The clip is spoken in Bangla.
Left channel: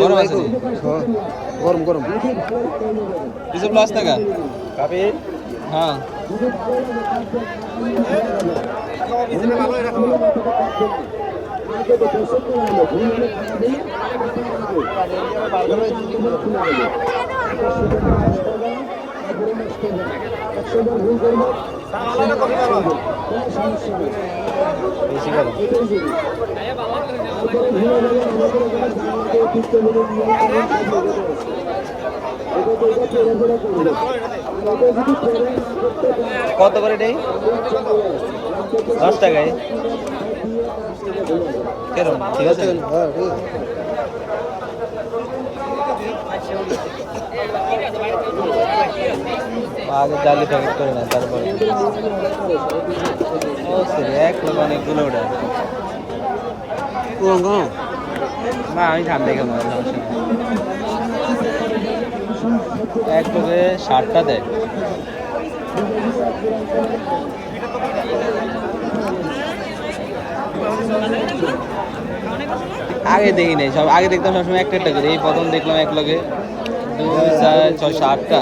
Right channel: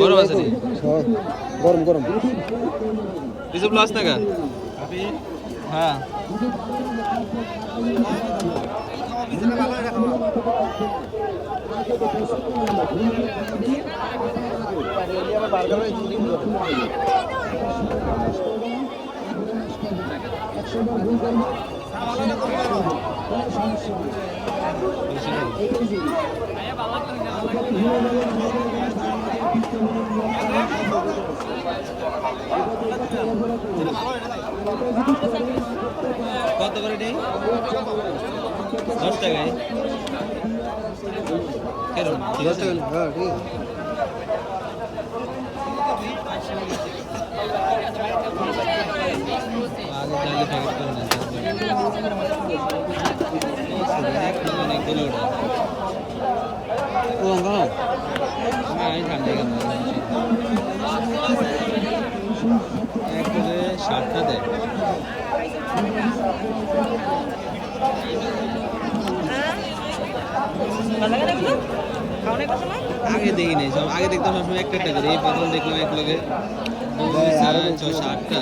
গরম আছে নি? গরম গরম কিছু প্লাস টাকা হ্যাঁ বেশি গরম কত করে দেই 10 টাকায় কেরম ঠিক আছে হ্যাঁ ঠিক আছে আগে জালি প্যাকেট করে না তারপরে ও সরি এক লোক অনেকগুলো ওটা না আমি ঠান্ডা কেমন এক লোকে 60টা দেয় আগে দেখি নাই সব আগে দেখতাম সবসময় একটা একটা করে এই প্রথম দেখলাম এক লোকে 2 4 6 8টা